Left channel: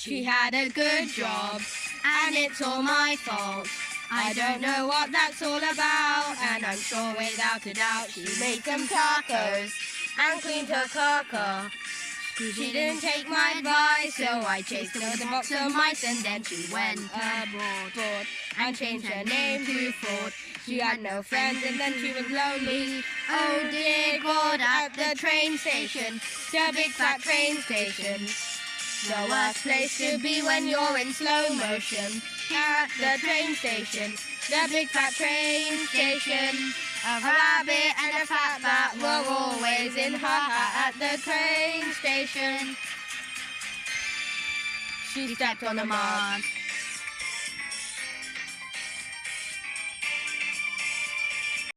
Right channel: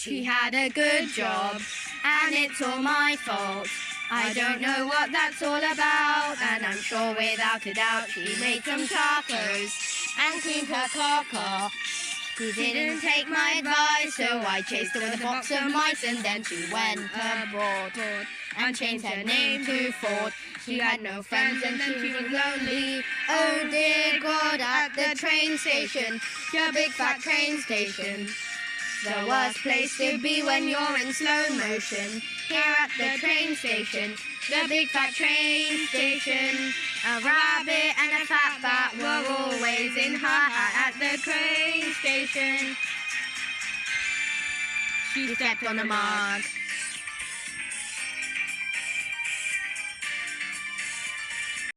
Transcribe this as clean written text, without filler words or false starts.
She had a good job, and it's all my fault. I don't know what that's all about, and I'm sure without a doubt she made some tacos and cleaned her car. She didn't take my advice, so I chased her with a box of mice, and then she went abroad and changed her name to Ford. She had no friends and then she was lonely. Oh dear God, at the train station, the big fat train station. The worst place to be when you're in slow motion. Here at the train station, the big fat train station. A rabbit and a fat bat were always in her hat at the train station. She stepped on a mark